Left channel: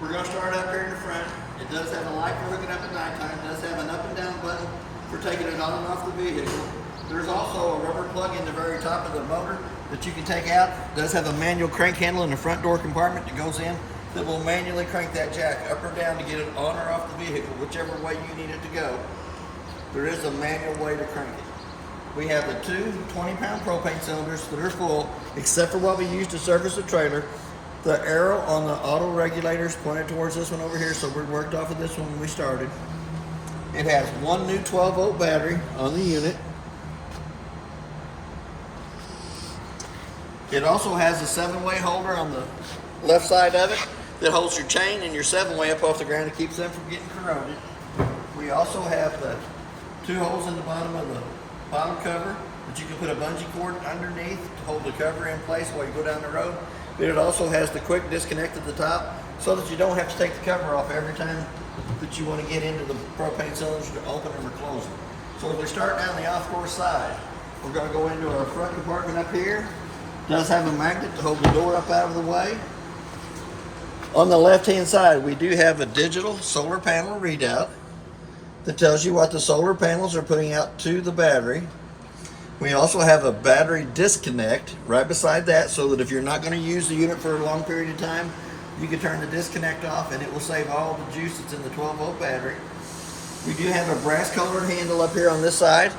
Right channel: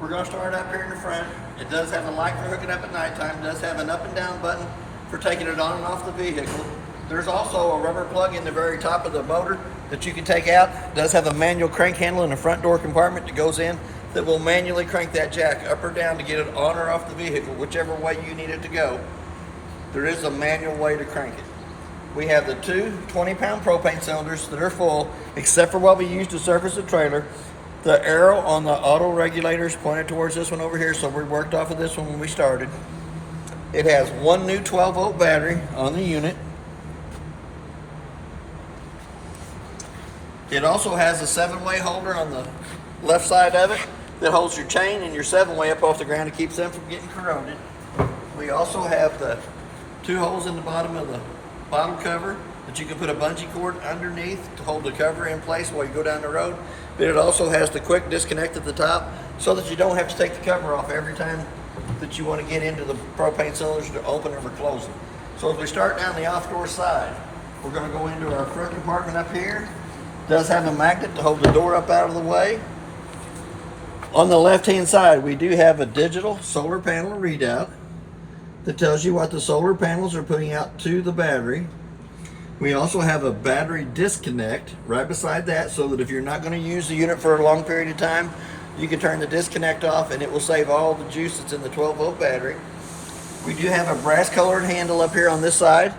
We're going to start up here in the front. It does have a light for hooking up at nighttime. It does have an up and down button for taking it on and off the vehicle. There's also a rubber plug in the very top of the motor that you can take out. It does have a manual crank handle in the front door compartment that goes in that will manually crank that jack up or down to get it on or off the vehicle, whichever way you need it to go. There is a manual way to crank it. We have the two 20-pound propane cylinders that are full, except for what we use to service the trailer. The arrow on the auto regulator is pointed towards this one over here, so we worked off of this one when we started. It has one new 12-volt battery on the unit. It also has a 7-way holder on the left side of it that holds your chain and your 7-way up off the ground and keeps them from getting corroded. We also have the two holes in the bottom of the bottom cover that you can put a bungee cord underneath to hold the cover in place while you go down the road. But it also has the quick disconnect at the top so that you don't have to take the cover off every time that you want to get into the propane cylinders to open them or close them. So as we start down the off-door side, we're going to go into our front compartment up here. It does have a magnet to hold the door up out of the way. On the left-hand side, we do have a digital solar panel readout that tells you what the solar panels are putting out to the battery. We also have a battery disconnect right beside that, so that if you're not going to use the unit for a long period of time, you can turn the disconnect off and it will save all the juice that's in the 12-volt battery. We do have a brass colored handle up here on this side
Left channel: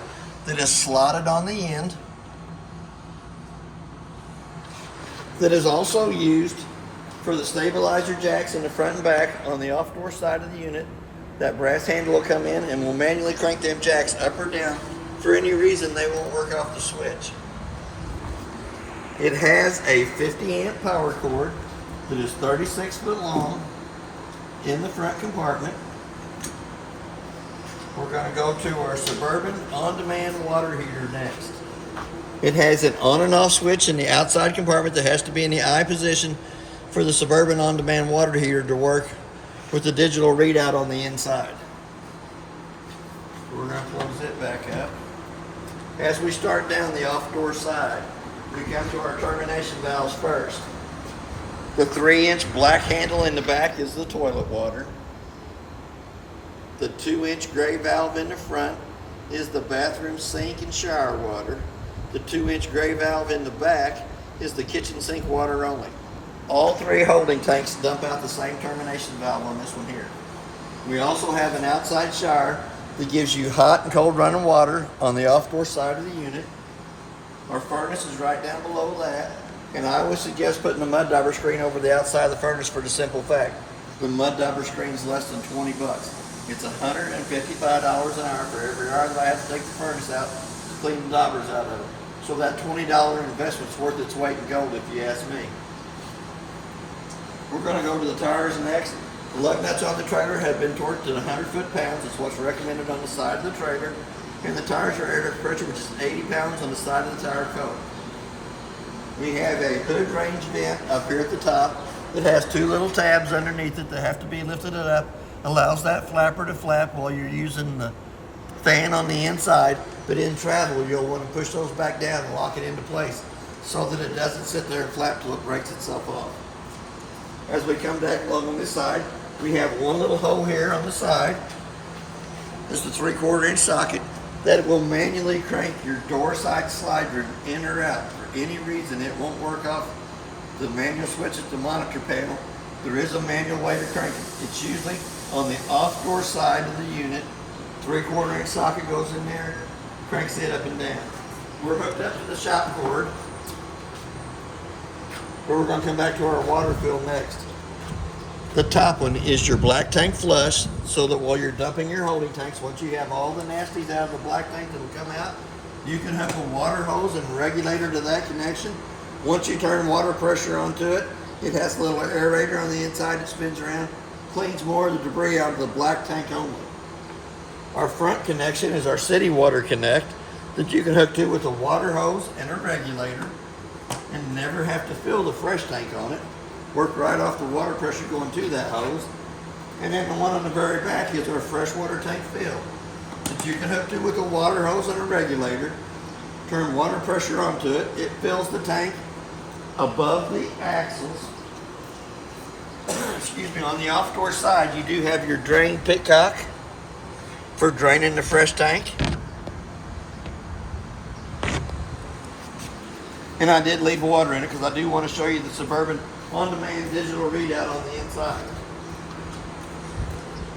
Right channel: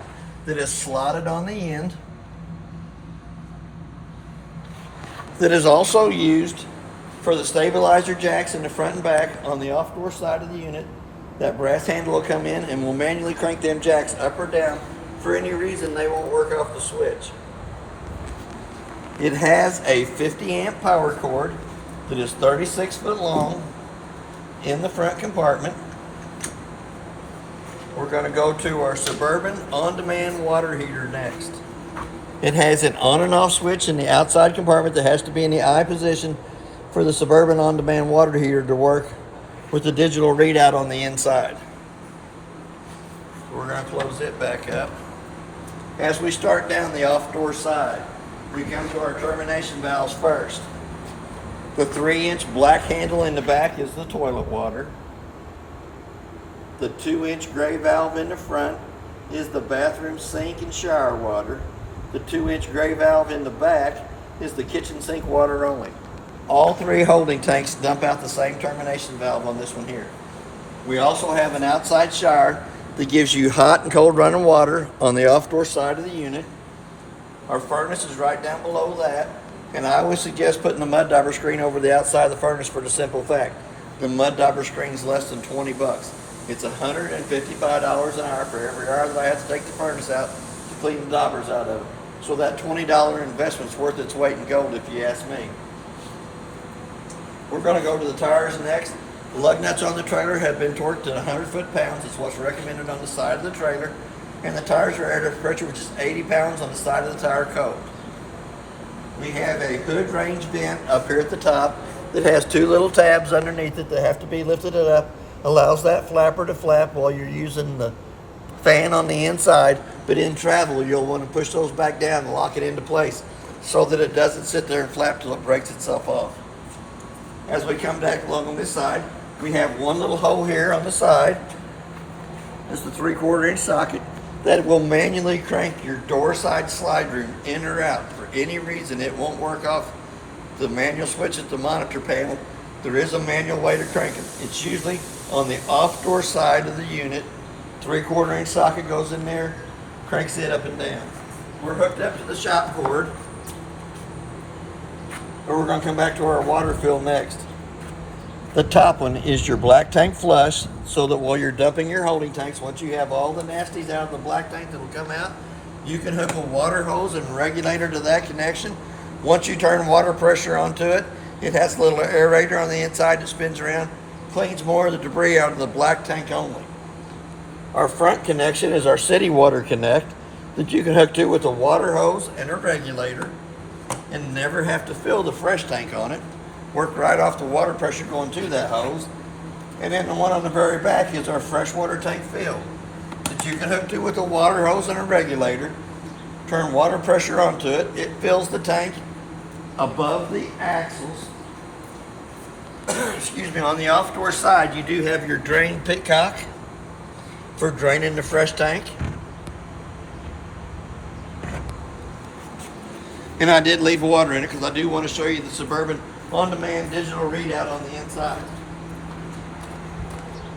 that is slotted on the end, that is also used for the stabilizer jacks in the front and back on the off-door side of the unit. That brass handle will come in and will manually crank them jacks up or down. For any reason, they won't work off the switch. It has a 50-amp power cord that is 36 foot long in the front compartment. We're going to go to our Suburban on-demand water heater next. It has an on and off switch in the outside compartment that has to be in the I position for the Suburban on-demand water heater to work with the digital readout on the inside. We're going to close it back up. As we start down the off-door side, we come to our termination valves first. The 3-inch black handle in the back is the toilet water. The 2-inch gray valve in the front is the bathroom sink and shower water. The 2-inch gray valve in the back is the kitchen sink water only. All three holding tanks dump out the same termination valve on this one here. We also have an outside shower that gives you hot and cold running water on the off-door side of the unit. Our furnace is right down below that, and I always suggest putting the mud dauber screen over the outside of the furnace for the simple fact the mud dauber screen is less than 20 bucks. It's $155 an hour for every hour that I have to take the furnace out to clean the daubers out of it. So that $20 investment's worth its weight in gold if you ask me. We're going to go to the tires next. The lug nuts on the trailer have been torqued to 100 foot-pounds. It's what's recommended on the side of the trailer. And the tires are air pressure, which is 80 pounds on the side of the tire coat. We have a hood range vent up here at the top that has two little tabs underneath it that have to be lifted up. Allows that flapper to flap while you're using the fan on the inside. But in travel, you'll want to push those back down and lock it into place so that it doesn't sit there and flap till it breaks itself off. As we come back along on this side, we have one little hole here on the side. Just a 3/4 inch socket that will manually crank your door side slide room in or out. For any reason, it won't work off the manual switch at the monitor panel. There is a manual way to crank them. It's usually on the off door side of the unit. 3/4 inch socket goes in there, cranks it up and down. We're hooked up to the shop board. We're going to come back to our water fill next. The top one is your black tank flush, so that while you're dumping your holding tanks, once you have all the nasties out of the black tank that'll come out, you can hook a water hose and regulator to that connection. Once you turn water pressure onto it, it has a little aerator on the inside that spins around, cleans more of the debris out of the black tank only. Our front connection is our city water connect that you can hook to with a water hose and a regulator and never have to fill the fresh tank on it. Work right off the water pressure going to that hose. And then the one on the very back is our freshwater tank fill that you can hook to with a water hose and a regulator. Turn water pressure onto it. It fills the tank above the axles excuse me, on the off-door side, you do have your drain pitcock for draining the fresh tank. And I did leave water in it because I do want to show you the Suburban on-demand digital readout on the inside.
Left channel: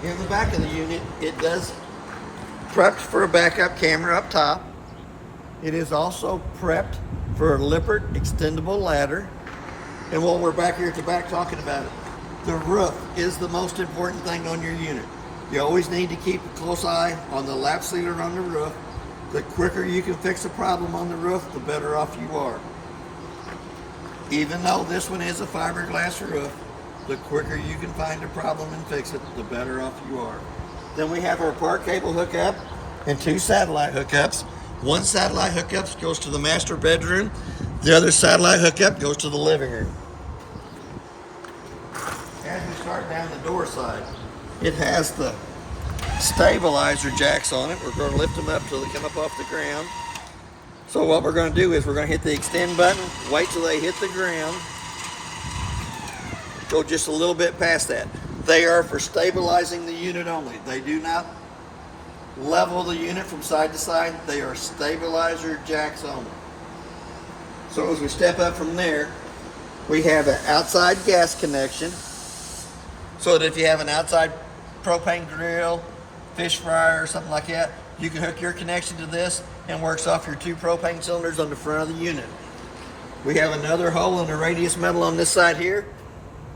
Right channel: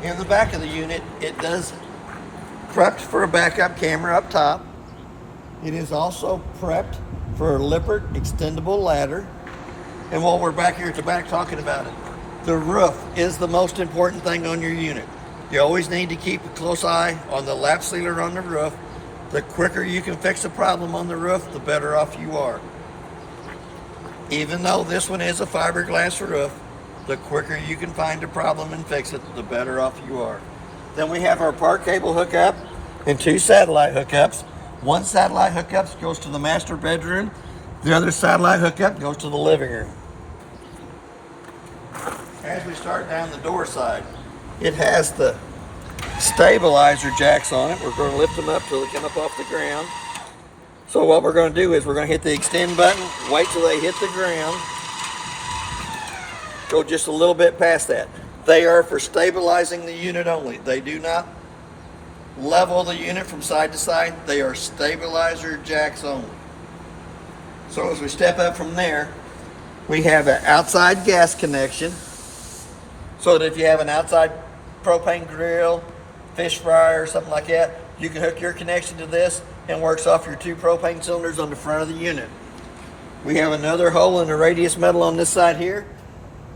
In the back of the unit, it does prepped for a backup camera up top. It is also prepped for a Lippert extendable ladder. And while we're back here at the back talking about it, the roof is the most important thing on your unit. You always need to keep a close eye on the lap sealer on the roof. The quicker you can fix a problem on the roof, the better off you are. Even though this one is a fiberglass roof, the quicker you can find a problem and fix it, the better off you are. Then we have our park cable hookup and 2 satellite hookups. One satellite hookup goes to the master bedroom. The other satellite hookup goes to the living room. As we start down the door side, it has the stabilizer jacks on it. We're going to lift them up till they come up off the ground. So what we're going to do is we're going to hit the extend button, wait till they hit the ground, go just a little bit past that. They are for stabilizing the unit only. They do not level the unit from side to side. They are stabilizer jacks only. So as we step up from there, we have an outside gas connection, so that if you have an outside propane grill, fish fryer, or something like that, you can hook your connection to this and works off your 2 propane cylinders on the front of the unit. We have another hole in the radius metal on this side here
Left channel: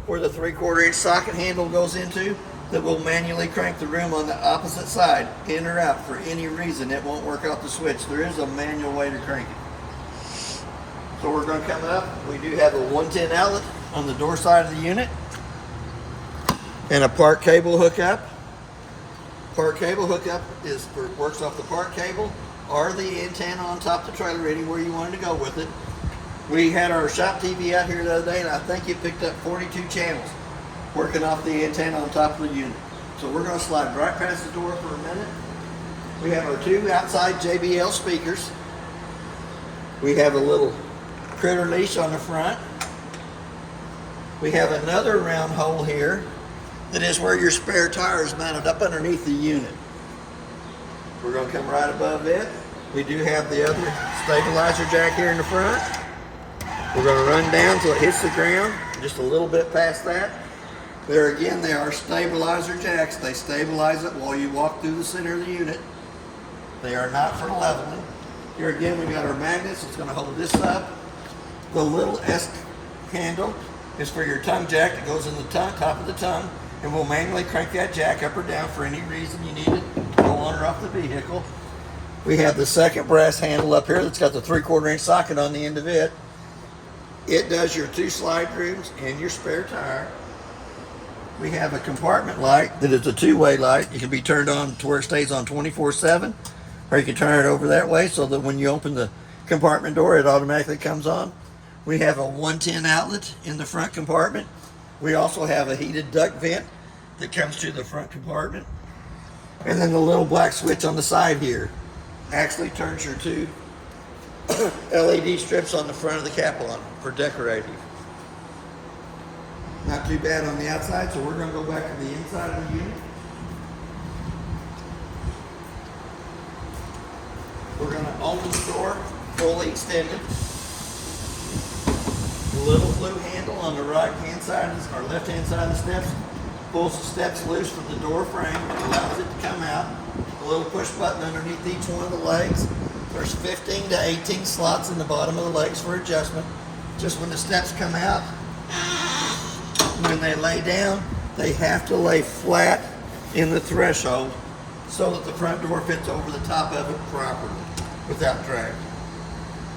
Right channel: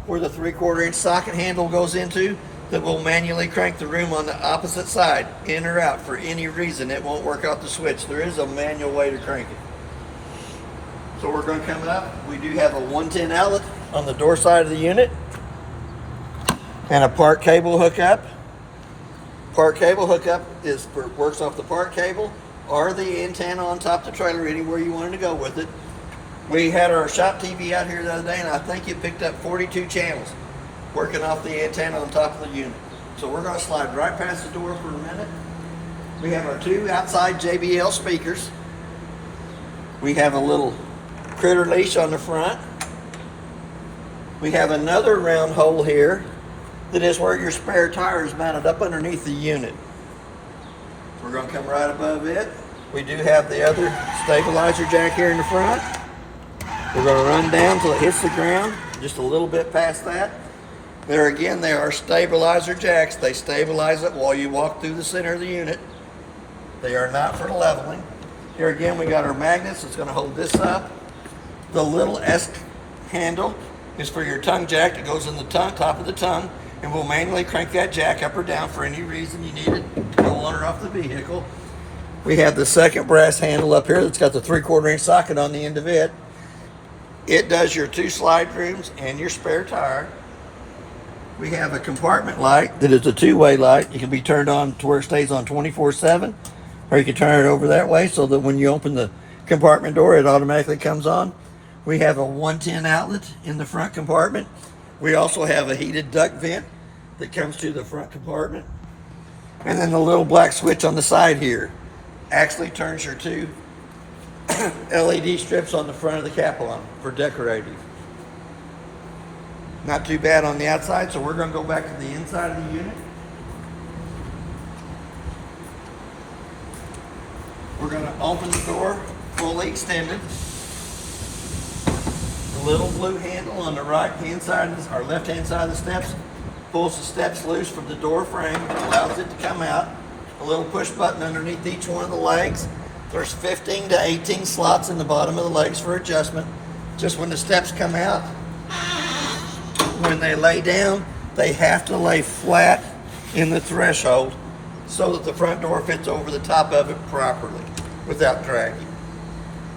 where the 3/4 inch socket handle goes into that will manually crank the room on the opposite side in or out for any reason. It won't work off the switch. There is a manual way to crank it. So we're going to come up. We do have a 110 outlet on the door side of the unit and a park cable hookup. Park cable hookup works off the park cable or the antenna on top of the trailer, anywhere you wanted to go with it. We had our shop TV out here the other day, and I think it picked up 42 channels working off the antenna on top of the unit. So we're going to slide right past the door for a minute. We have our 2 outside JBL speakers. We have a little critter leash on the front. We have another round hole here that is where your spare tire is mounted up underneath the unit. We're going to come right above it. We do have the other stabilizer jack here in the front. We're going to run down till it hits the ground, just a little bit past that. There again, they are stabilizer jacks. They stabilize it while you walk through the center of the unit. They are not for leveling. Here again, we got our magnets. It's going to hold this up. The little S handle is for your tongue jack that goes in the top of the tongue, and we'll manually crank that jack up or down for any reason you need it to go on or off the vehicle. We have the second brass handle up here that's got the 3/4 inch socket on the end of it. It does your 2 slide rooms and your spare tire. We have a compartment light that is a 2-way light. It can be turned on to where it stays on 24/7, or you can turn it over that way so that when you open the compartment door, it automatically comes on. We have a 110 outlet in the front compartment. We also have a heated duct vent that comes to the front compartment. And then the little black switch on the side here actually turns your 2 LED strips on the front of the Capelon for decorative. Not too bad on the outside, so we're going to go back to the inside of the unit. We're going to open the door fully extended. The little blue handle on the right hand side or left hand side of the steps pulls the steps loose from the door frame, allows it to come out. A little push button underneath each one of the legs. There's 15 to 18 slots in the bottom of the legs for adjustment. Just when the steps come out, when they lay down, they have to lay flat in the threshold so that the front door fits over the top of it properly without drag.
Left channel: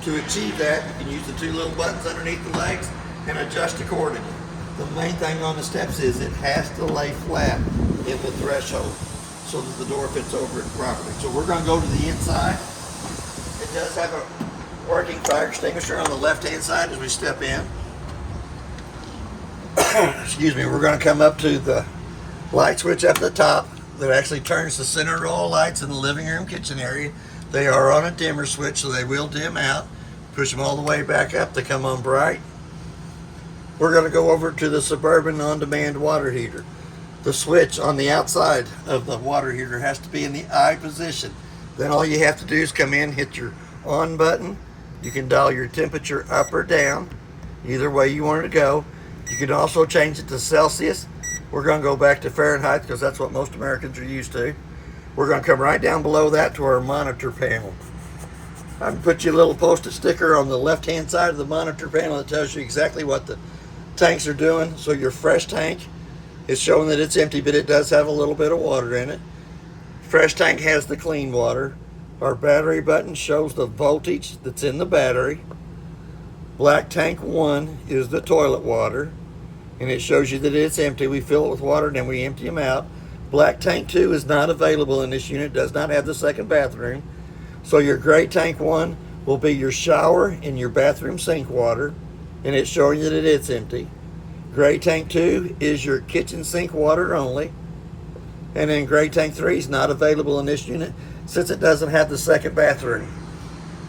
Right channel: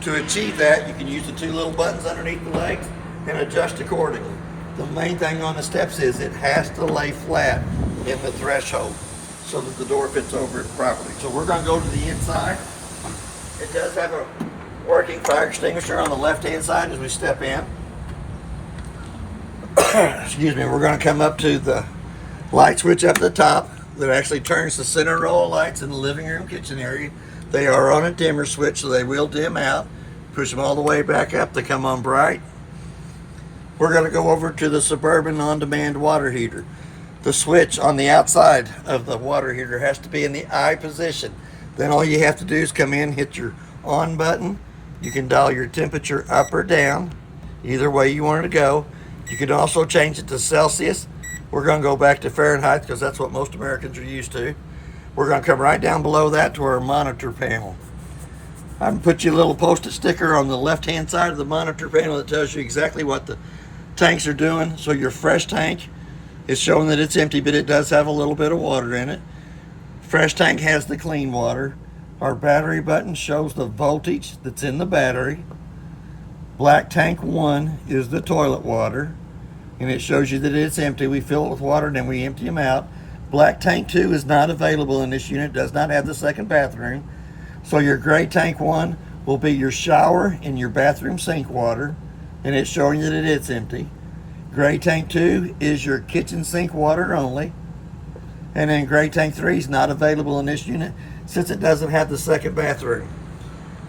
To achieve that, you can use the 2 little buttons underneath the legs and adjust accordingly. The main thing on the steps is it has to lay flat in the threshold so that the door fits over it properly. So we're going to go to the inside. It does have a working fire extinguisher on the left-hand side as we step in. Excuse me, we're going to come up to the light switch up at the top that actually turns the center row of lights in the living room kitchen area. They are on a dimmer switch, so they will dim out. Push them all the way back up to come on bright. we're going to go over to the Suburban on-demand water heater. The switch on the outside of the water heater has to be in the I position. Then all you have to do is come in, hit your on button. You can dial your temperature up or down, either way you want it to go. You can also change it to Celsius. We're going to go back to Fahrenheit because that's what most Americans are used to. We're going to come right down below that to our monitor panel. I'm going to put you a little post-it sticker on the left-hand side of the monitor panel that tells you exactly what the tanks are doing. So your fresh tank is showing that it's empty, but it does have a little bit of water in it. Fresh tank has the clean water. Our battery button shows the voltage that's in the battery. Black tank 1 is the toilet water, and it shows you that it's empty. We fill it with water and then we empty them out. Black tank 2 is not available in this unit, does not have the second bathroom. So your gray tank 1 will be your shower and your bathroom sink water, and it's showing you that it's empty. Gray tank 2 is your kitchen sink water only. And then gray tank 3 is not available in this unit since it doesn't have the second bathroom.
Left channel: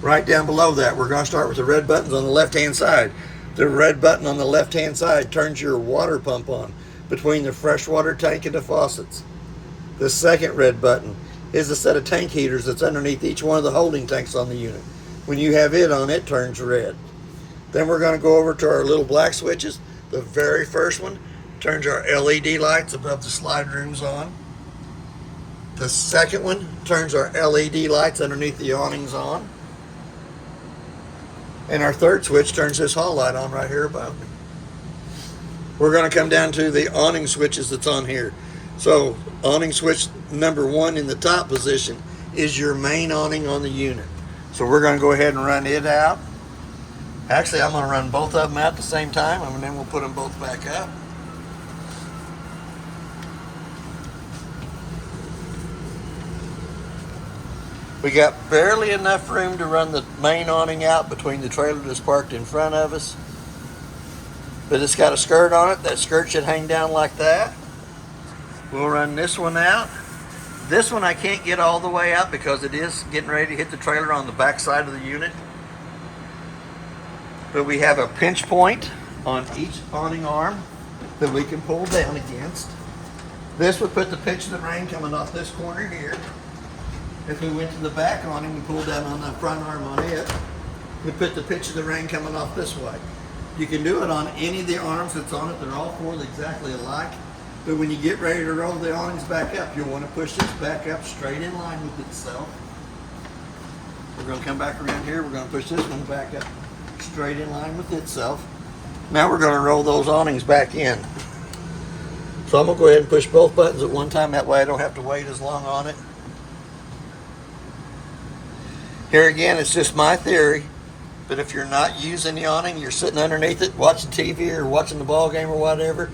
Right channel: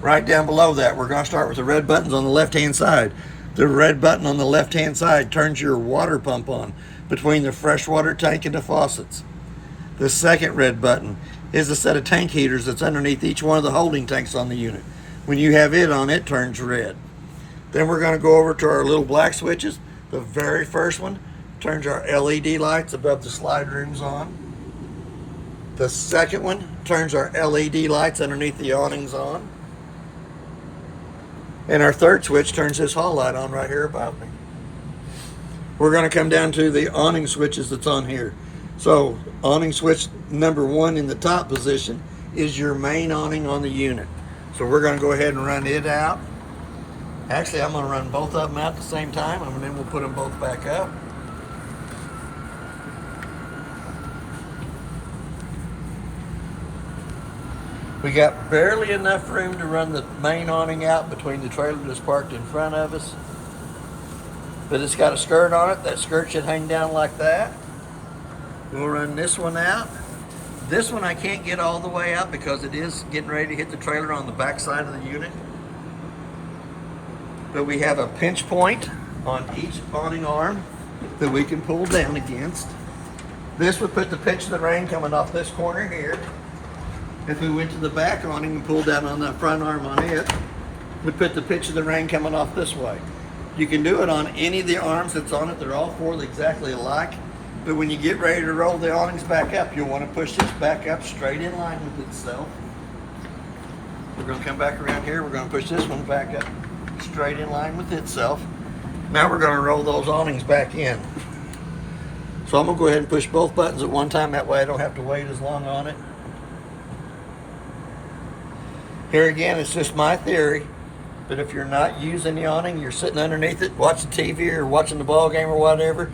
Right down below that, we're going to start with the red buttons on the left-hand side. The red button on the left-hand side turns your water pump on between the freshwater tank and the faucets. The second red button is a set of tank heaters that's underneath each one of the holding tanks on the unit. When you have it on, it turns red. Then we're going to go over to our little black switches. The very first one turns our LED lights above the slide rooms on. The second one turns our LED lights underneath the awnings on. And our third switch turns this hall light on right here above me. We're going to come down to the awning switches that's on here. So awning switch number 1 in the top position is your main awning on the unit. So we're going to go ahead and run it out. Actually, I'm going to run both of them out at the same time, and then we'll put them both back up. We got barely enough room to run the main awning out between the trailer that's parked in front of us. But it's got a skirt on it. That skirt should hang down like that. We'll run this one out. This one I can't get all the way out because it is getting ready to hit the trailer on the back side of the unit. But we have a pinch point on each awning arm that we can pull down against. This would put the pitch of the rain coming off this corner here. If we went to the back awning and pulled down on the front arm on it, we'd put the pitch of the rain coming off this way. You can do it on any of the arms that's on it. They're all 4 exactly alike. But when you get ready to roll the awnings back up, you'll want to push this back up straight in line with itself. We're going to come back around here. We're going to push this one back up straight in line with itself. Now we're going to roll those awnings back in. So I'm going to go ahead and push both buttons at one time. That way I don't have to wait as long on it. Here again, it's just my theory, but if you're not using the awning, you're sitting underneath it, watching TV or watching the ball game or whatever,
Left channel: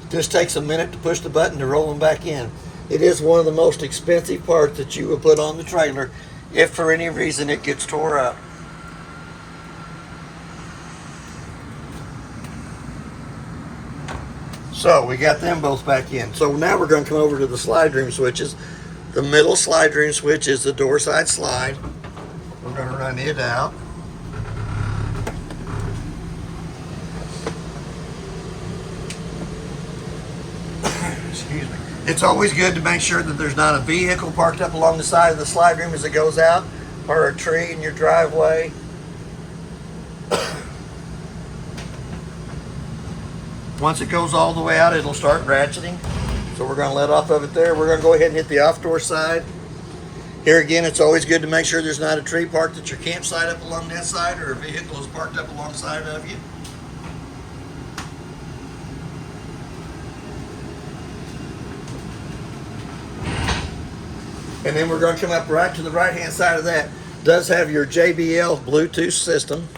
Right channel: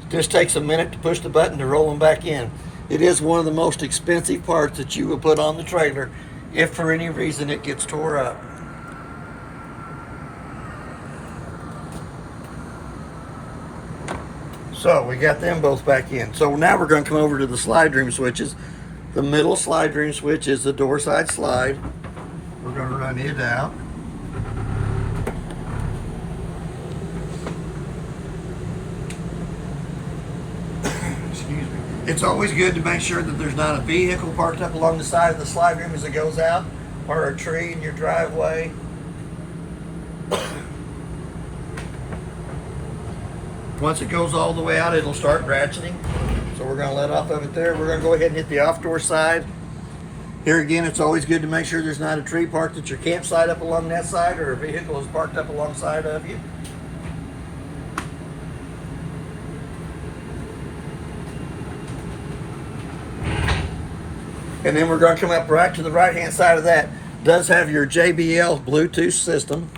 it just takes a minute to push the button to roll them back in. It is one of the most expensive parts that you will put on the trailer if for any reason it gets tore up. So we got them both back in. So now we're going to come over to the slide room switches. The middle slide room switch is the door side slide. We're going to run it out. Excuse me. It's always good to make sure that there's not a vehicle parked up along the side of the slide room as it goes out, or a tree in your driveway. Once it goes all the way out, it'll start ratcheting. So we're going to let off of it there. We're going to go ahead and hit the off door side. Here again, it's always good to make sure there's not a tree parked at your campsite up along that side, or a vehicle is parked up alongside of you. And then we're going to come up right to the right-hand side of that. It does have your JBL Bluetooth system.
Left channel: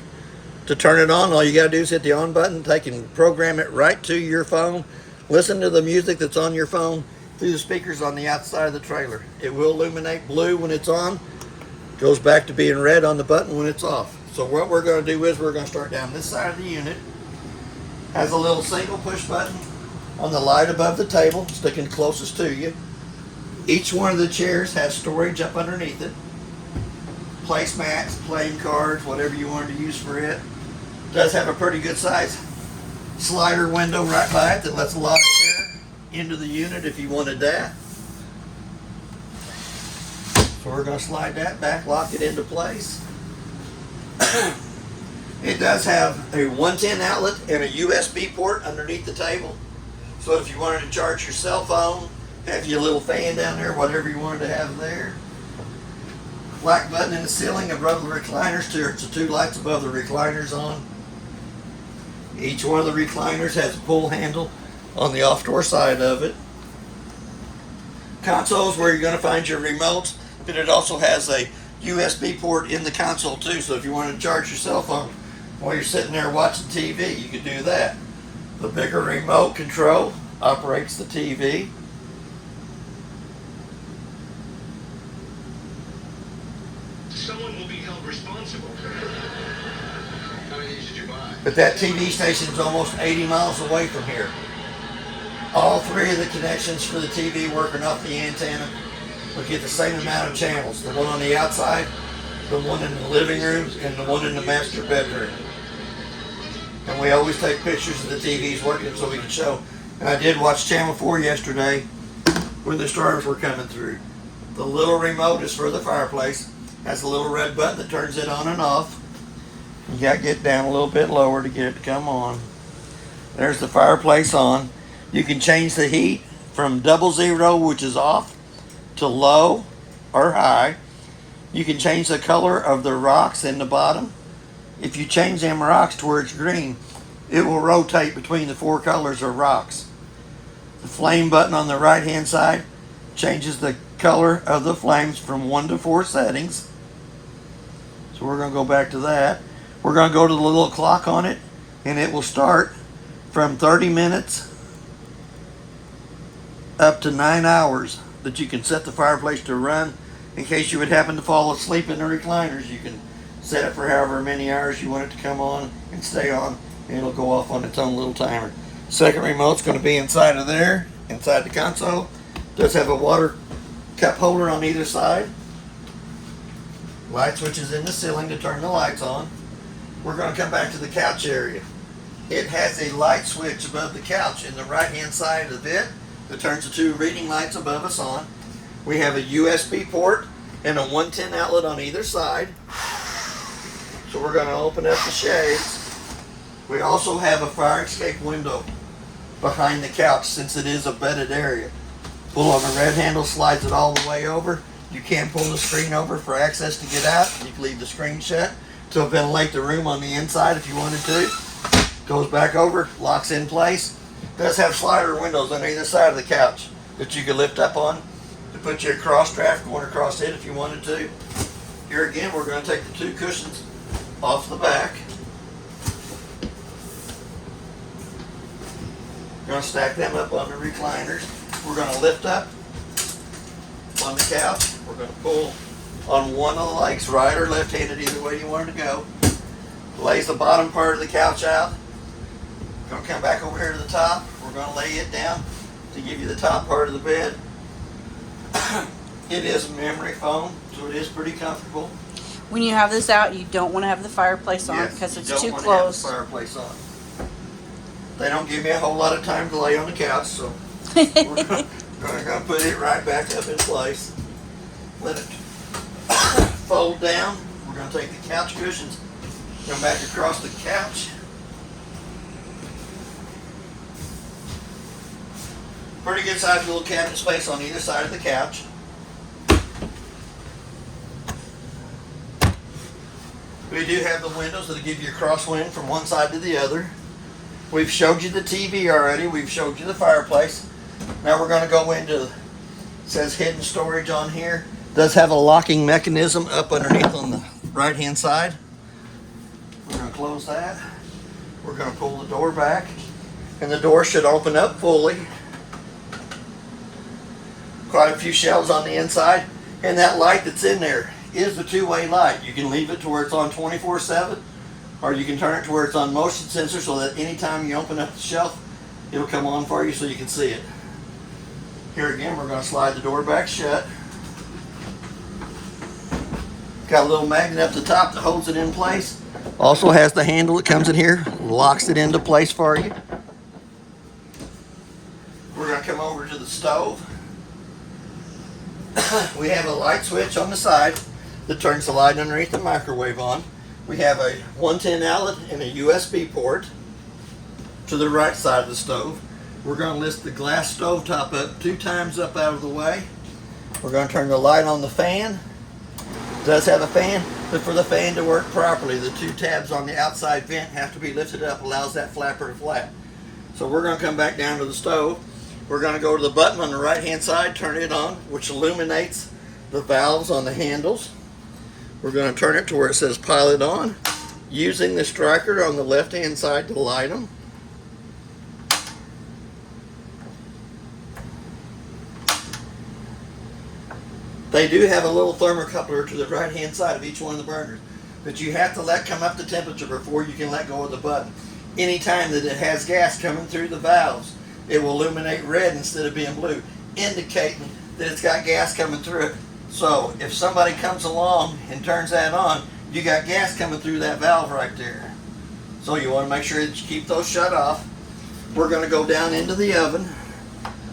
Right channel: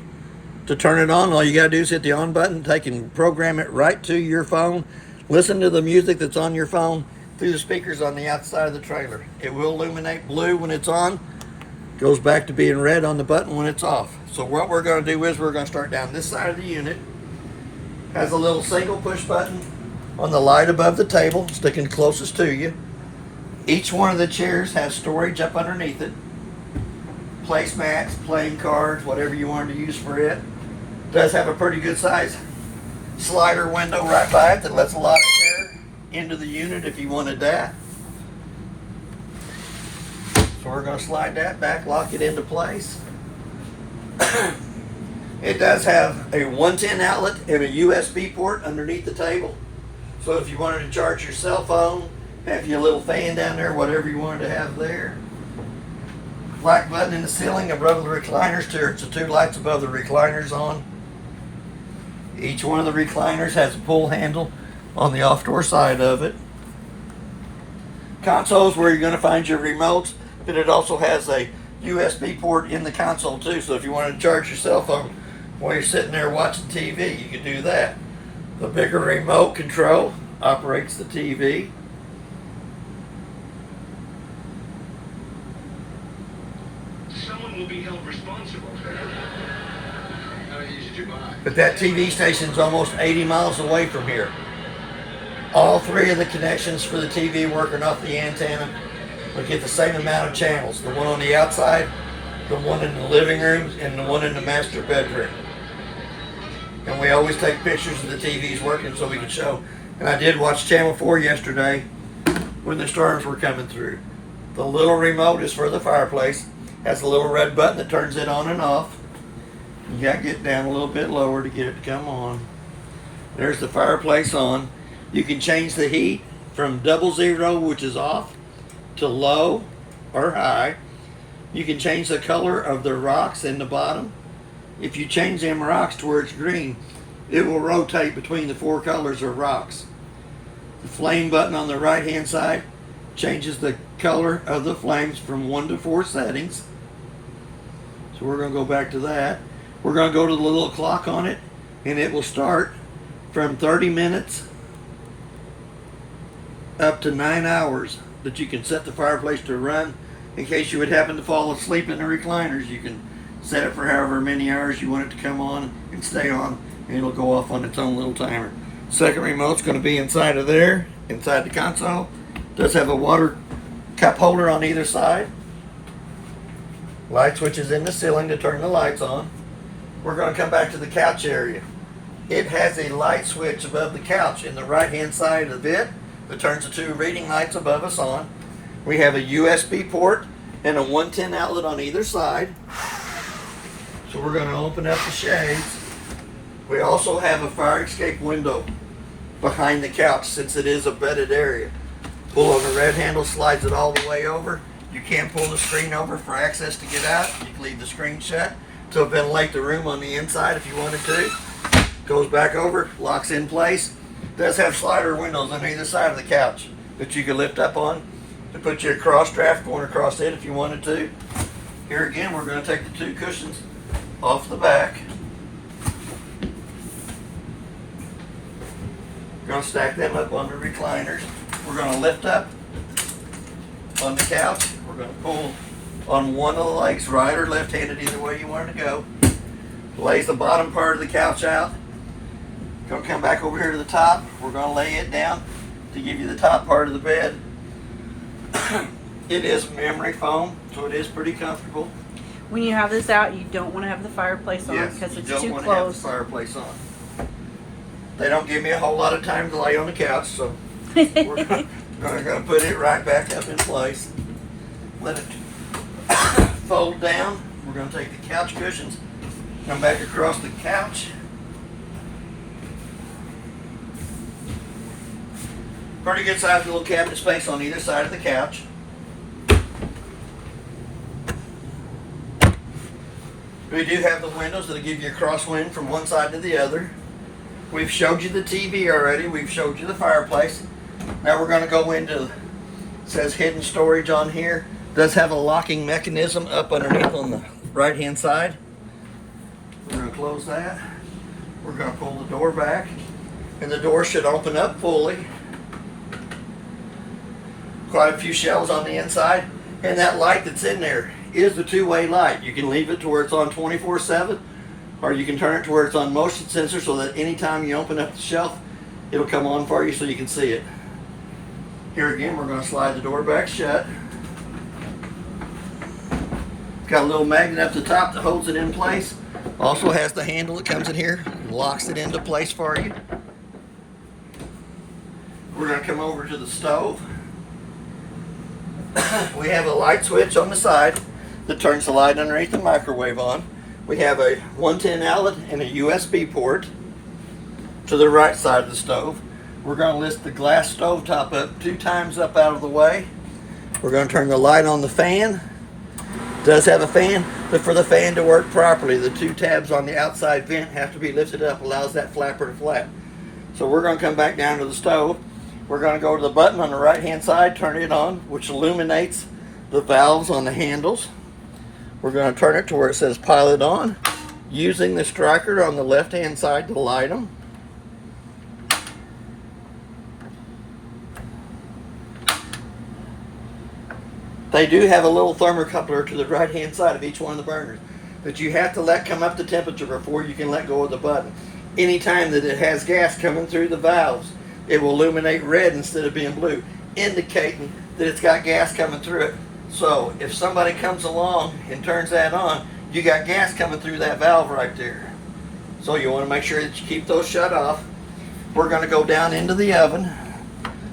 To turn it on, all you got to do is hit the on button. They can program it right to your phone. Listen to the music that's on your phone through the speakers on the outside of the trailer. It will illuminate blue when it's on. Goes back to being red on the button when it's off. So what we're going to do is we're going to start down this side of the unit. Has a little single push button on the light above the table, sticking closest to you. Each one of the chairs has storage up underneath it. Placemats, playing cards, whatever you wanted to use for it. Does have a pretty good size slider window right by it that lets a lot of air into the unit if you wanted that. So we're going to slide that back, lock it into place. It does have a 110 outlet and a USB port underneath the table. So if you wanted to charge your cell phone, have your little fan down there, whatever you wanted to have there. Black button in the ceiling above the recliners. There's the two lights above the recliners on. Each one of the recliners has a pull handle on the off-door side of it. Consoles where you're going to find your remotes, but it also has a USB port in the console too, so if you wanted to charge your cell phone while you're sitting there watching TV, you can do that. The bigger remote control operates the TV. Someone will be held responsible. How many did you buy? But that TV station's almost 80 miles away from here. All three of the connections for the TV working off the antenna will get the same amount of channels. The one on the outside, the one in the living room, and the one in the master bedroom. And we always take pictures of the TVs working so we can show. And I did watch Channel 4 yesterday when the storms were coming through. The little remote is for the fireplace. Has a little red button that turns it on and off. You got to get down a little bit lower to get it to come on. There's the fireplace on. You can change the heat from 00, which is off, to low or high. You can change the color of the rocks in the bottom. If you change them rocks to where it's green, it will rotate between the four colors of rocks. The flame button on the right hand side changes the color of the flames from 1 to 4 settings. So we're going to go back to that. We're going to go to the little clock on it, and it will start from 30 minutes up to 9 hours that you can set the fireplace to run. In case you would happen to fall asleep in the recliners, you can set it for however many hours you want it to come on and stay on, and it'll go off on its own little timer. Second remote's going to be inside of there, inside the console. It does have a water cup holder on either side. Light switches in the ceiling to turn the lights on. We're going to come back to the couch area. It has a light switch above the couch in the right hand side of it that turns the two reading lights above us on. We have a USB port and a 110 outlet on either side. So we're going to open up the shades. We also have a fire escape window behind the couch since it is a bedded area. Pull on the red handle, slides it all the way over. You can pull the screen over for access to get out. You can leave the screen shut to ventilate the room on the inside if you wanted to. Goes back over, locks in place. Does have slider windows on either side of the couch that you can lift up on to put your cross draft going across it if you wanted to. Here again, we're going to take the two cushions off the back. We're going to stack them up on the recliners. We're going to lift up on the couch. We're going to pull on one of the legs, right or left-handed, either way you want it to go. Lays the bottom part of the couch out. Going to come back over here to the top. We're going to lay it down to give you the top part of the bed. It is memory foam, so it is pretty comfortable. When you have this out, you don't want to have the fireplace on because it's too close. Fireplace on. They don't give me a whole lot of time to lay on the couch, so we're going to put it right back up in place. Let it fold down. We're going to take the couch cushions, come back across the couch. Pretty good sized little cabinet space on either side of the couch. We do have the windows that'll give you a crosswind from one side to the other. We've showed you the TV already. We've showed you the fireplace. Now we're going to go into, it says hidden storage on here. It does have a locking mechanism up underneath on the right hand side. We're going to close that. We're going to pull the door back, and the door should open up fully. Quite a few shelves on the inside, and that light that's in there is the two-way light. You can leave it to where it's on 24/7, or you can turn it to where it's on motion sensor so that anytime you open up the shelf, it'll come on for you so you can see it. Here again, we're going to slide the door back shut. Got a little magnet up the top that holds it in place. Also has the handle that comes in here, locks it into place for you. We're going to come over to the stove. We have a light switch on the side that turns the light underneath the microwave on. We have a 110 outlet and a USB port to the right side of the stove. We're going to lift the glass stove top up 2 times up out of the way. We're going to turn the light on the fan. It does have a fan, but for the fan to work properly, the 2 tabs on the outside vent have to be lifted up, allows that flapper to flap. So we're going to come back down to the stove. We're going to go to the button on the right hand side, turn it on, which illuminates the valves on the handles. We're going to turn it to where it says pilot on, using the striker on the left hand side to light them. They do have a little thermocoupler to the right hand side of each one of the burners, but you have to let come up the temperature before you can let go of the button. Anytime that it has gas coming through the valves, it will illuminate red instead of being blue, indicating that it's got gas coming through it. So if somebody comes along and turns that on, you got gas coming through that valve right there. So you want to make sure that you keep those shut off. We're going to go down into the oven.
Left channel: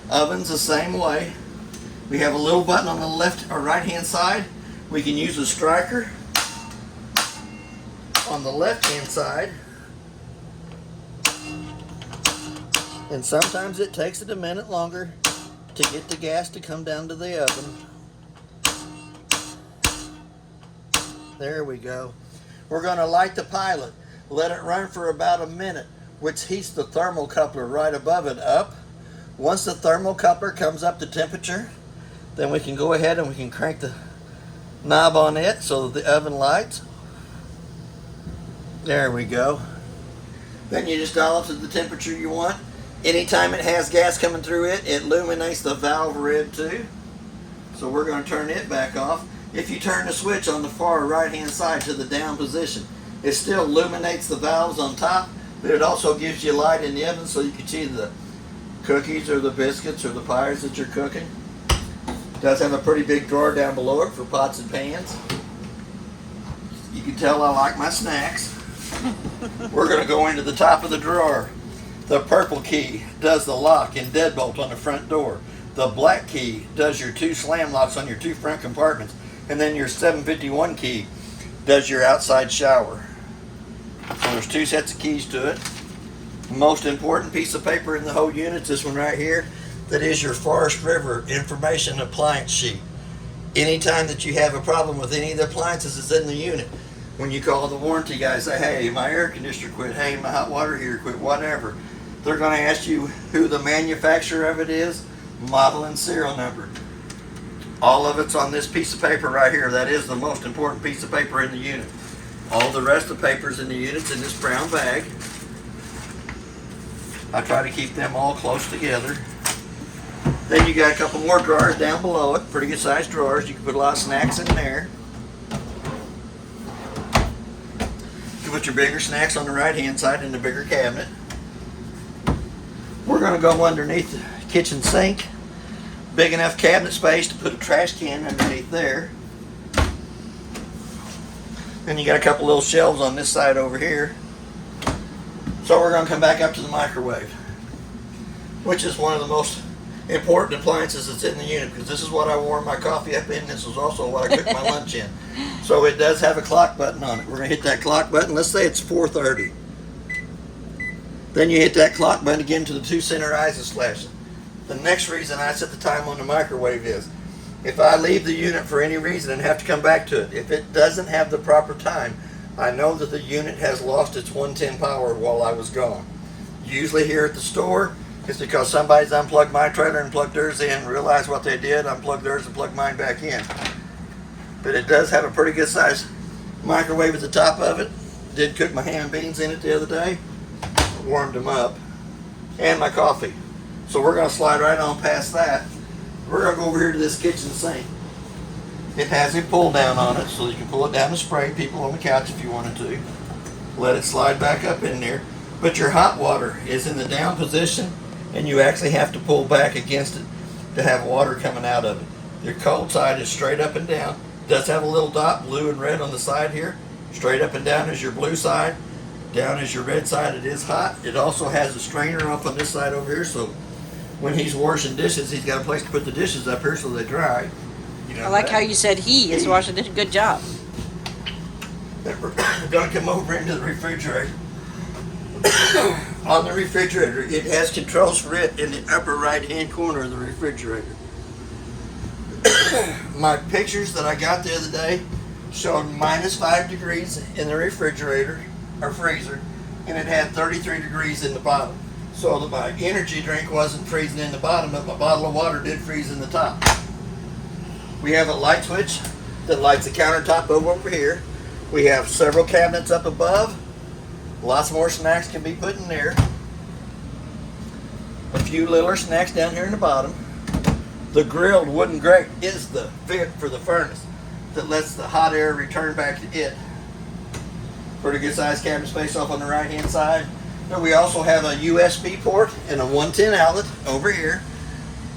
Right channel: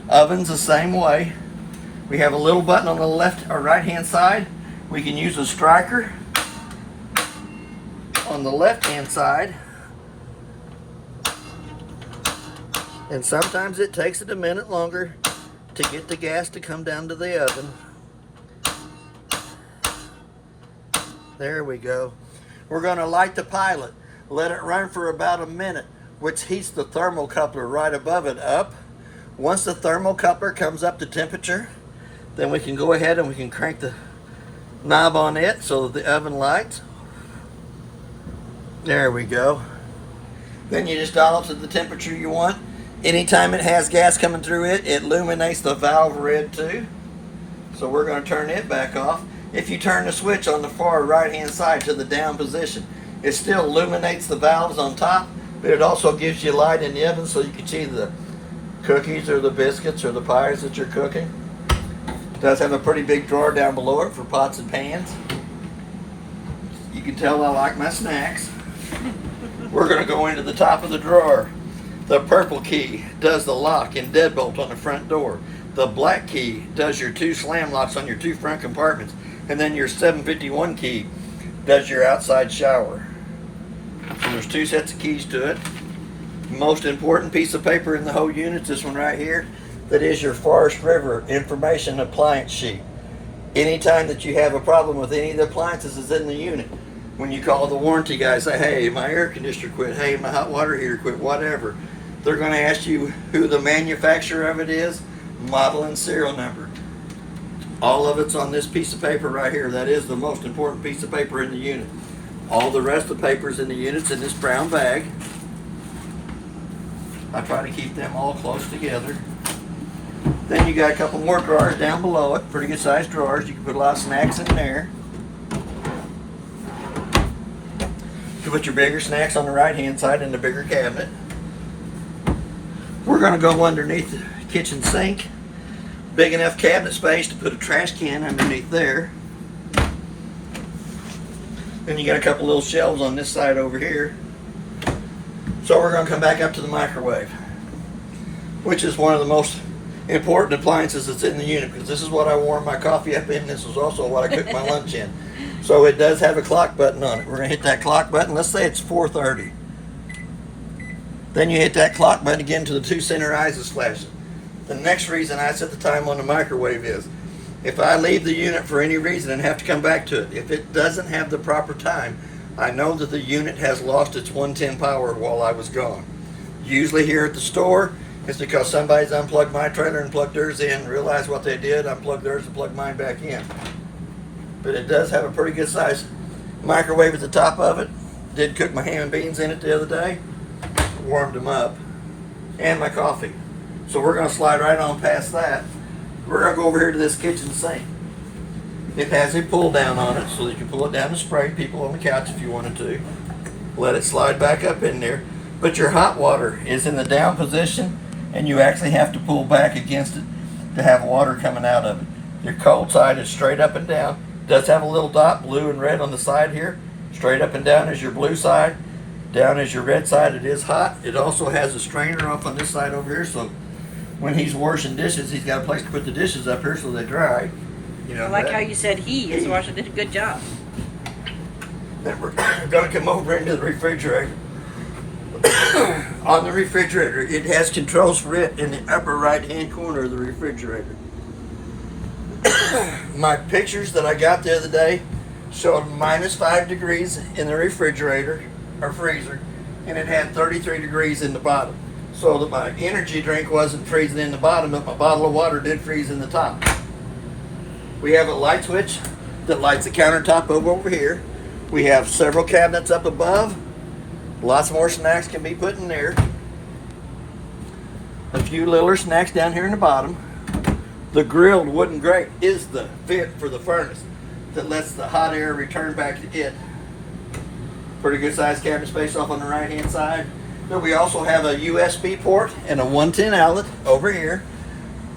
Oven's the same way. We have a little button on the left or right hand side. We can use a striker on the left hand side. And sometimes it takes it a minute longer to get the gas to come down to the oven. There we go. We're going to light the pilot. Let it run for about a minute, which heats the thermocoupler right above it up. Once the thermocoupler comes up to temperature, then we can go ahead and we can crank the knob on it so that the oven lights. There we go. Then you just dial it to the temperature you want. Anytime it has gas coming through it, it illuminates the valve red too. So we're going to turn it back off. If you turn the switch on the far right hand side to the down position, it still illuminates the valves on top, but it also gives you light in the oven so you can see the cookies or the biscuits or the pies that you're cooking. It does have a pretty big drawer down below it for pots and pans. You can tell I like my snacks. We're going to go into the top of the drawer. The purple key does the lock and deadbolt on the front door. The black key does your 2 slam locks on your 2 front compartments. And then your 751 key does your outside shower. So there's 2 sets of keys to it. Most important piece of paper in the whole unit is this one right here. That is your Forest River information appliance sheet. Anytime that you have a problem with any of the appliances that's in the unit, when you call the warranty guy, say, hey, my air conditioner quit, hey, my hot water heater quit, whatever, they're going to ask you who the manufacturer of it is, model and serial number. All of it's on this piece of paper right here. That is the most important piece of paper in the unit. All the rest of the papers in the unit's in this brown bag. I try to keep them all close together. Then you got a couple more drawers down below it, pretty good sized drawers. You can put a lot of snacks in there. You can put your bigger snacks on the right hand side in the bigger cabinet. We're going to go underneath the kitchen sink. Big enough cabinet space to put a trash can underneath there. Then you got a couple little shelves on this side over here. So we're going to come back up to the microwave, which is one of the most important appliances that's in the unit, because this is what I warm my coffee up in. This is also what I cook my lunch in. So it does have a clock button on it. We're going to hit that clock button. Let's say it's 4:30. Then you hit that clock button again till the 2 center eyes is flashing. The next reason I set the time on the microwave is if I leave the unit for any reason and have to come back to it, if it doesn't have the proper time, I know that the unit has lost its 110 power while I was gone. Usually here at the store, it's because somebody's unplugged my trailer and plugged theirs in, realized what they did, unplugged theirs and plugged mine back in. But it does have a pretty good size microwave at the top of it. Did cook my ham and beans in it the other day. Warmed them up. And my coffee. So we're going to slide right on past that. We're going to go over here to this kitchen sink. It has a pull down on it, so you can pull it down and spray people on the couch if you wanted to. Let it slide back up in there. But your hot water is in the down position, and you actually have to pull back against it to have water coming out of it. Your cold side is straight up and down. It does have a little dot, blue and red on the side here. Straight up and down is your blue side. Down is your red side. It is hot. It also has a strainer off on this side over here, so when he's washing dishes, he's got a place to put the dishes up here so they dry. You know I like that? how you said he is washing. Did a good job. And we're gonna come over into the refrigerator. On the refrigerator, it has controls for it in the upper right-hand corner of the refrigerator. My pictures that I got the other day showed -5 degrees in the refrigerator or freezer, and it had 33 degrees in the bottom. So that my energy drink wasn't freezing in the bottom, but my bottle of water did freeze in the top. We have a light switch that lights the countertop over here. We have several cabinets up above. Lots more snacks can be put in there. A few littler snacks down here in the bottom. The grilled wooden grate is the fit for the furnace that lets the hot air return back to it. Pretty good sized cabinet space off on the right hand side. But we also have a USB port and a 110 outlet over here.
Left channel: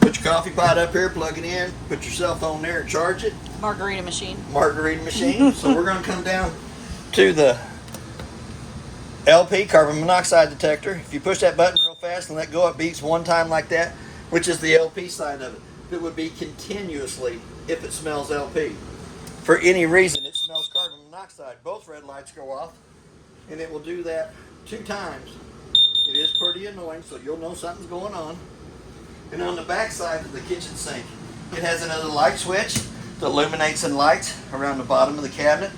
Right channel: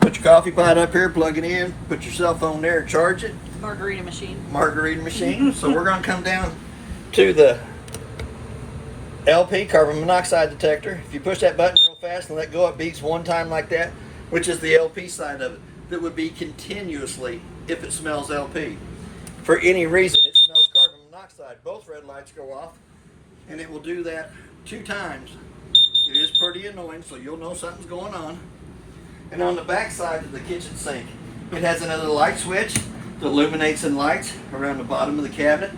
Put your coffee pot up here, plug it in, put your cell phone there and charge it. Margarita machine. Margarita machine. So we're going to come down to the LP carbon monoxide detector. If you push that button real fast and let go, it beeps one time like that, which is the LP side of it. It would be continuously if it smells LP. For any reason, it smells carbon monoxide. Both red lights go off, and it will do that 2 times. It is pretty annoying, so you'll know something's going on. And on the back side of the kitchen sink, it has another light switch that illuminates and lights around the bottom of the cabinet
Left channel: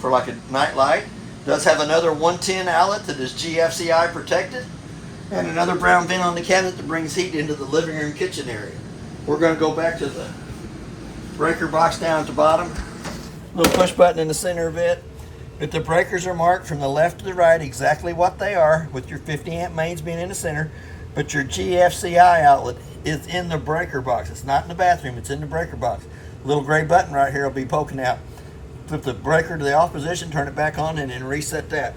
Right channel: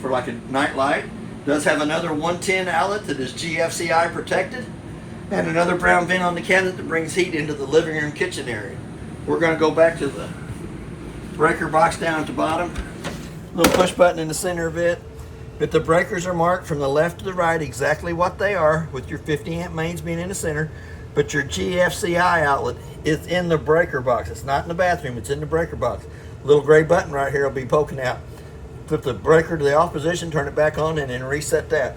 for like a night light. It does have another 110 outlet that is GFCI protected, and another brown vent on the cabinet that brings heat into the living room kitchen area. We're going to go back to the breaker box down at the bottom. Little push button in the center of it. But the breakers are marked from the left to the right exactly what they are, with your 50 amp mains being in the center. But your GFCI outlet is in the breaker box. It's not in the bathroom, it's in the breaker box. Little gray button right here will be poking out. Put the breaker to the off position, turn it back on, and then reset that.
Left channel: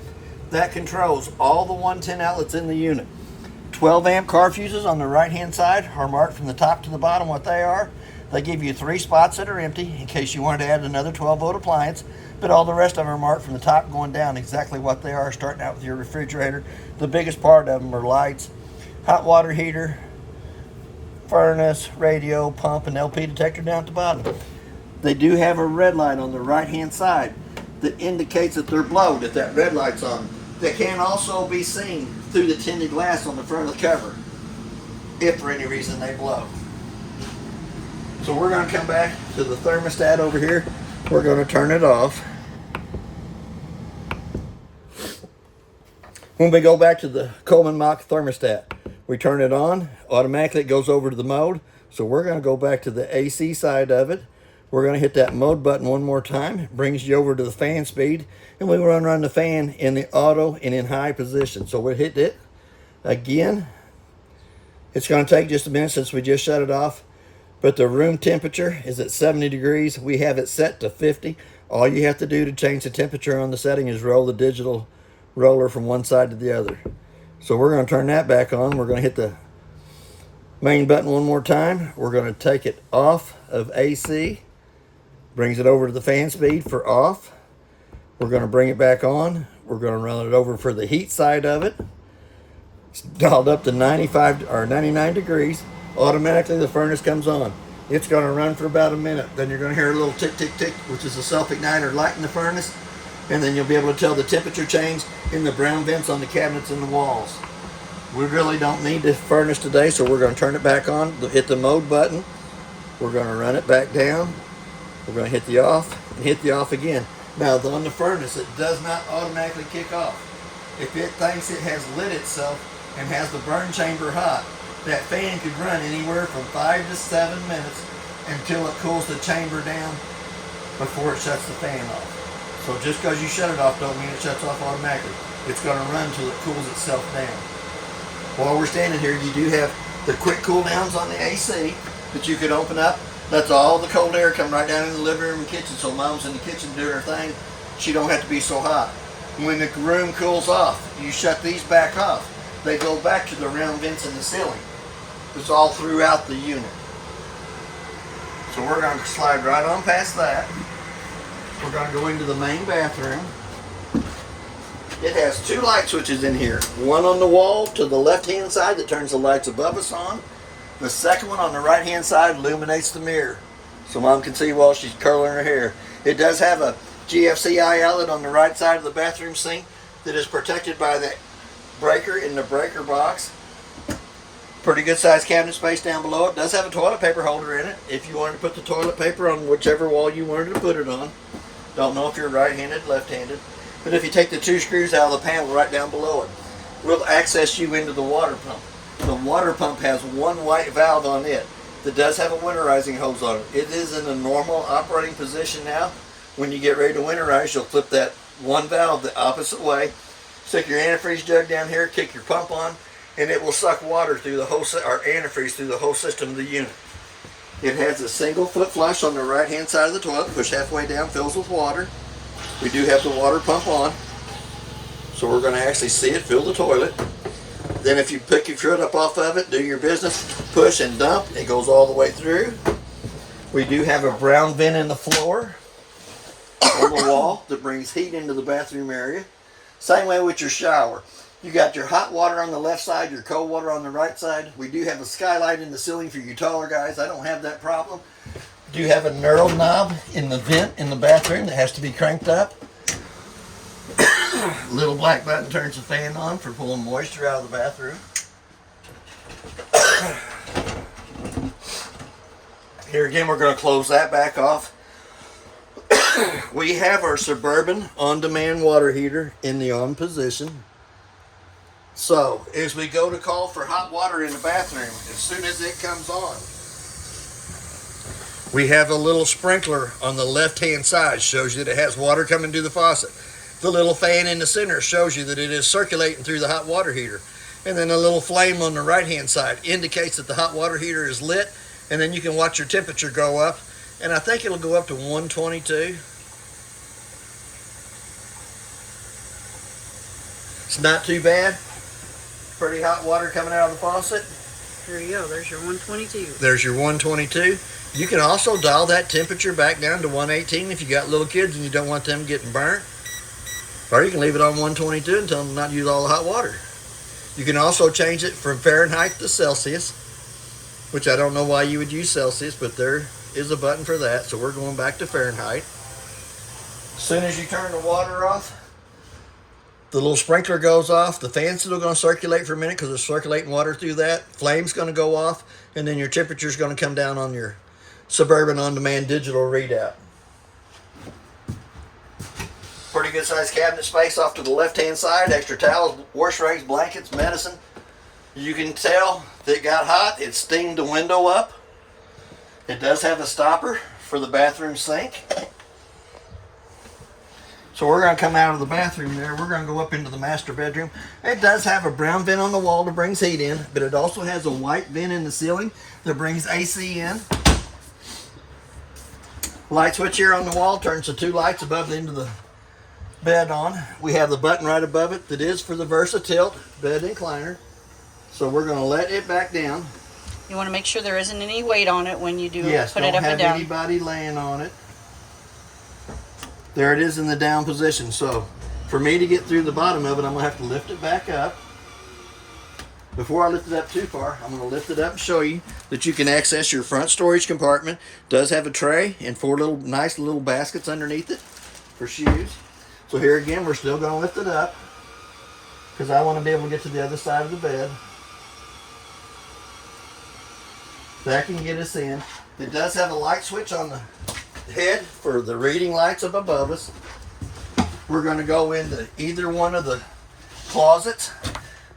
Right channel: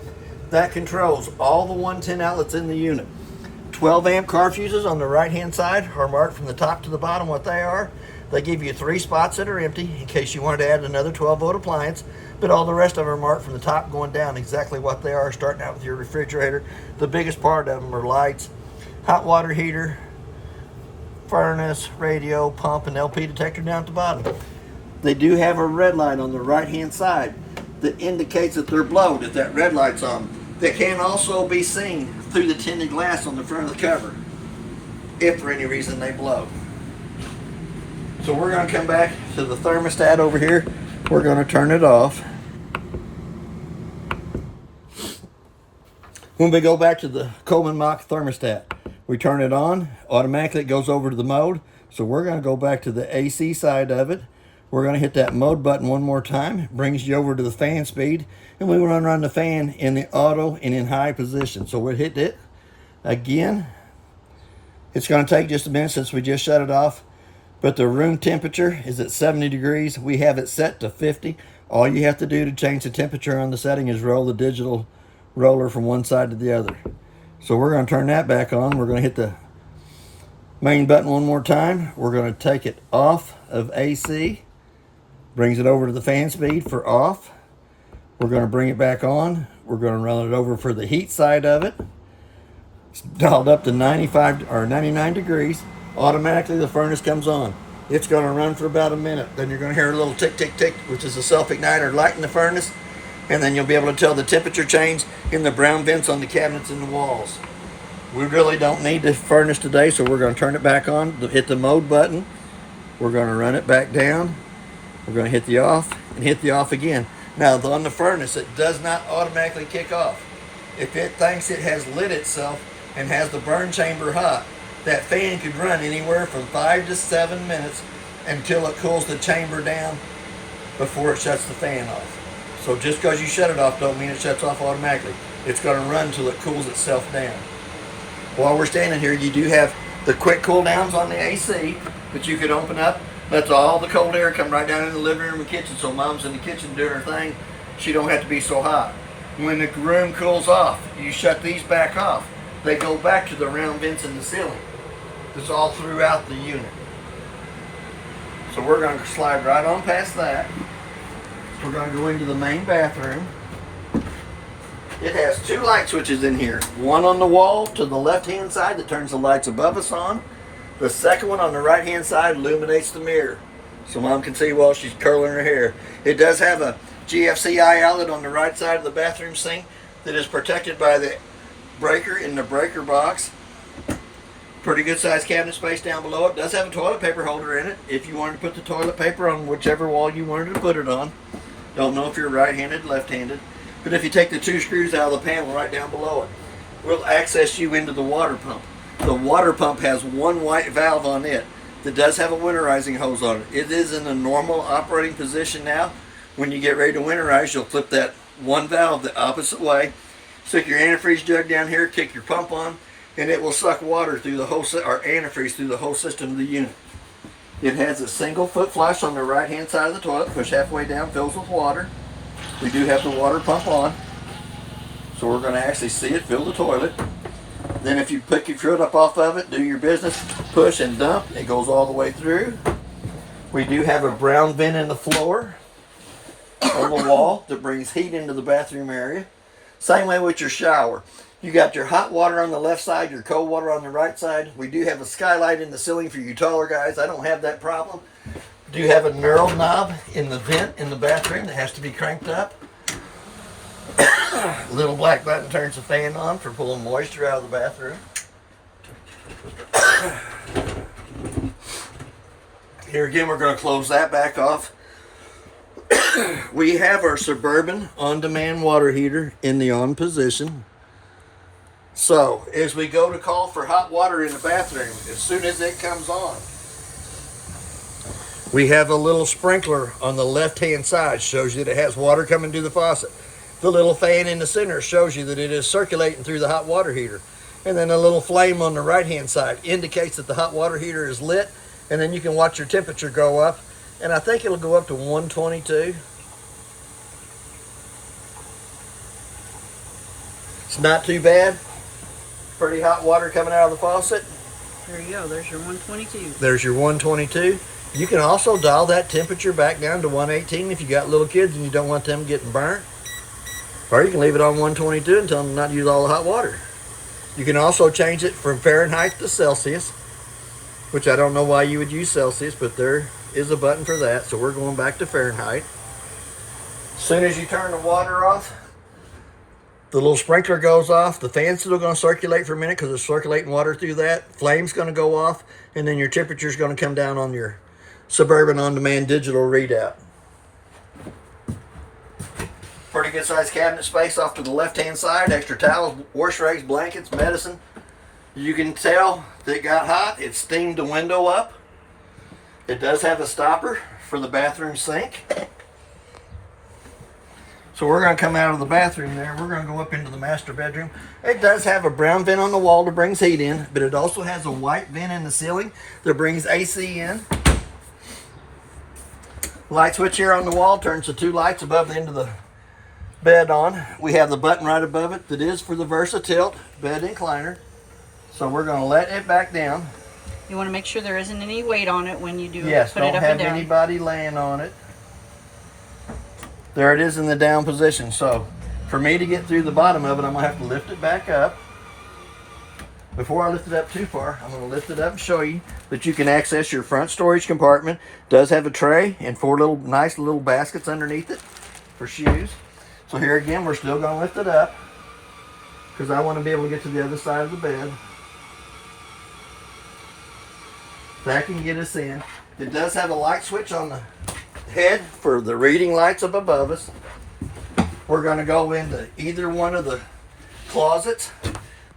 That controls all the 110 outlets in the unit. 12 amp car fuses on the right hand side are marked from the top to the bottom what they are. They give you 3 spots that are empty in case you wanted to add another 12 volt appliance, but all the rest of them are marked from the top going down exactly what they are, starting out with your refrigerator. The biggest part of them are lights, hot water heater, furnace, radio, pump, and LP detector down at the bottom. They do have a red light on the right hand side that indicates that they're blowed if that red light's on. They can also be seen through the tinted glass on the front of the cover if for any reason they blow. So we're going to come back to the thermostat over here. We're going to turn it off. When we go back to the Coleman Mach thermostat, we turn it on, automatically it goes over to the mode. So we're going to go back to the AC side of it. We're going to hit that mode button one more time. It brings you over to the fan speed, and we run the fan in the auto and in high position. So we'll hit it again. It's going to take just a minute since we just shut it off, but the room temperature is at 70 degrees. We have it set to 50. All you have to do to change the temperature on the setting is roll the digital roller from one side to the other. So we're going to turn that back on. We're going to hit the main button one more time. We're going to take it off of AC. Brings it over to the fan speed for off. We're going to bring it back on. We're going to run it over for the heat side of it. It's dialed up to 95 or 99 degrees. Automatically the furnace comes on. It's going to run for about a minute. Then you're going to hear a little tick, tick, tick, which is a self-igniter light in the furnace. And then you'll be able to tell the temperature change in the brown vents on the cabinets and the walls. We really don't need the furnace today, so we're going to turn it back on. Hit the mode button. We're going to run it back down. We're going to hit the off and hit the off again. Now on the furnace, it does not automatically kick off. If it thinks it has lit itself and has the burn chamber hot, that fan could run anywhere from 5 to 7 minutes until it cools the chamber down before it shuts the fan off. So just because you shut it off don't mean it shuts off automatically. It's going to run until it cools itself down. While we're standing here, you do have the quick cool downs on the AC that you could open up. Lets all the cold air come right down in the living room and kitchen, so mom's in the kitchen doing her thing. She don't have to be so hot. When the room cools off, you shut these back off. They go back to the round vents in the ceiling. It's all throughout the unit. So we're going to slide right on past that. We're going to go into the main bathroom. It has 2 light switches in here. One on the wall to the left-hand side that turns the lights above us on. The second one on the right hand side illuminates the mirror, so mom can see while she's curling her hair. It does have a GFCI outlet on the right side of the bathroom sink that is protected by the breaker in the breaker box. Pretty good sized cabinet space down below. It does have a toilet paper holder in it if you wanted to put the toilet paper on whichever wall you wanted to put it on. Don't know if you're right-handed, left-handed. But if you take the 2 screws out of the panel right down below it, we'll access you into the water pump. The water pump has one white valve on it that does have a winterizing hose on it. It is in a normal operating position now. When you get ready to winterize, you'll flip that one valve the opposite way, stick your antifreeze jug down here, kick your pump on, and it will suck water through the whole or antifreeze through the whole system of the unit. It has a single foot flush on the right hand side of the toilet, push halfway down, fills with water. We do have the water pump on, so we're going to actually see it fill the toilet. Then if you pick your foot up off of it, do your business, push and dump, it goes all the way through. We do have a brown vent in the floor on the wall that brings heat into the bathroom area. Same way with your shower. You got your hot water on the left side, your cold water on the right side. We do have a skylight in the ceiling for you taller guys. I don't have that problem. We do have a knurled knob in the vent in the bathroom that has to be cranked up. Little black button turns the fan on for pulling moisture out of the bathroom. Here again, we're going to close that back off. We have our Suburban on-demand water heater in the on position. So, as we go to call for hot water in the bathroom, as soon as it comes on, we have a little sprinkler on the left-hand side, shows you that it has water coming through the faucet. The little fan in the center shows you that it is circulating through the hot water heater. And then a little flame on the right-hand side indicates that the hot water heater is lit, and then you can watch your temperature go up. And I think it'll go up to 122. It's not too bad. Pretty hot water coming out of the faucet. There you go. There's your 122. There's your 122. You can also dial that temperature back down to 118 if you got little kids and you don't want them getting burnt. Or you can leave it on 122 and tell them not to use all the hot water. You can also change it from Fahrenheit to Celsius, which I don't know why you would use Celsius, but there is a button for that. So we're going back to Fahrenheit. As soon as you turn the water off, the little sprinkler goes off. The fan's still going to circulate for a minute because it's circulating water through that. Flame's going to go off, and then your temperature's going to come down on your Suburban on-demand digital readout. Pretty good sized cabinet space off to the left-hand side. Extra towels, wash rags, blankets, medicine. You can tell that it got hot. It steamed the window up. It does have a stopper for the bathroom sink. So we're going to come out of the bathroom there. We're going to go up into the master bedroom. It does have a brown vent on the wall that brings heat in, but it also has a white vent in the ceiling that brings AC in. Light switch here on the wall turns the 2 lights above the end of the bed on. We have the button right above it that is for the VersaTilt bed incliner. So we're going to let it back down. You want to make sure there isn't any weight on it when you do Yes, put it up and don't have down. anybody laying on it. There it is in the down position. So for me to get through the bottom of it, I'm going to have to lift it back up. Before I lift it up too far, I'm going to lift it up and show you that you can access your front storage compartment. It does have a tray and 4 little nice little baskets underneath it for shoes. So here again, we're still going to lift it up because I want to be able to get to the other side of the bed. That can get us in. It does have a light switch on the head for the reading lights up above us. We're going to go into either one of the closets.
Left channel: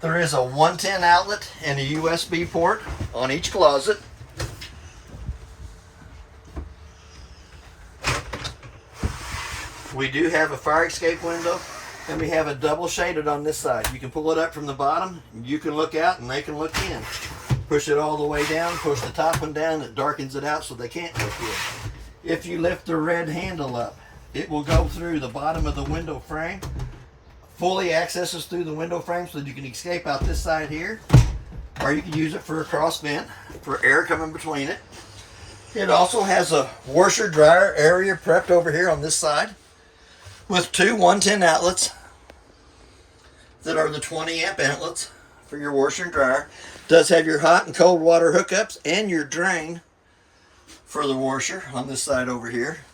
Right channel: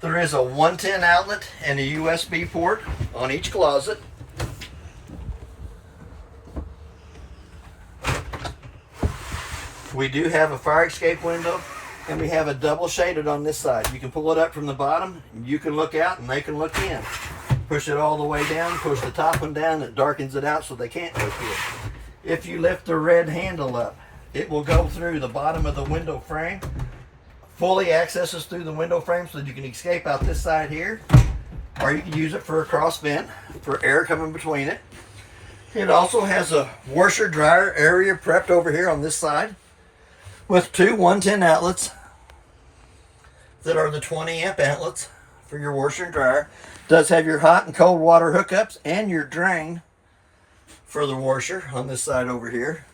There is a 110 outlet and a USB port on each closet. We do have a fire escape window, and we have a double shaded on this side. You can pull it up from the bottom, you can look out, and they can look in. Push it all the way down, push the top one down, it darkens it out so they can't look in. If you lift the red handle up, it will go through the bottom of the window frame, fully accesses through the window frame so that you can escape out this side here, or you can use it for a cross vent for air coming between it. It also has a washer dryer area prepped over here on this side with 2 110 outlets that are the 20 amp outlets for your washer and dryer. Does have your hot and cold water hookups and your drain for the washer on this side over here.